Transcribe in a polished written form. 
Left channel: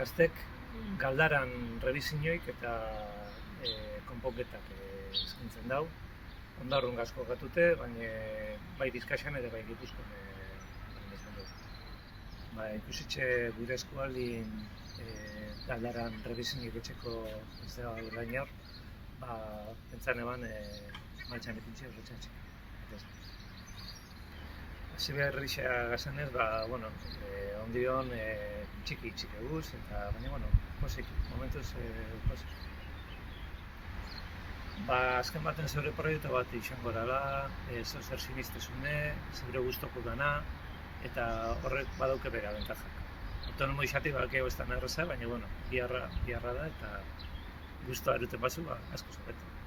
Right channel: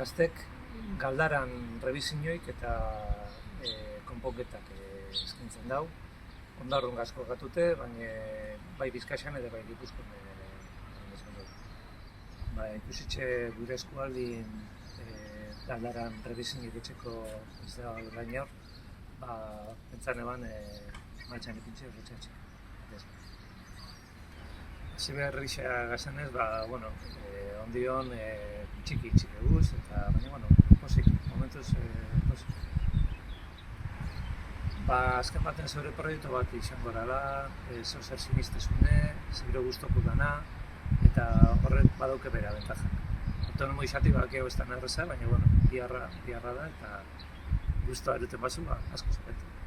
gaztek galdaran rebizinioik eta konponketak eskintzen dau. Ondarrun asko gatute, baina bai Bizkaian eta bai Gipuzkoan esan dugu. Ikusitxe gure eskualdin galdaran rebizinioik etxeko ez da gain hor, pentsane ban martxan ipintxe horretxatxe. Hasi berrixa gazenez, ondion txiki guz, eta baina, posik, momentuz posik. Azken baten zeure proiektu bat izango dela, zer sinistezune, zeure guztoko dana, eta horrek badauke bera bentajak. Autonomo izatik balkeo ez da erraza, baina, biharra da, eta guztua eruten bazu, asko zabetu.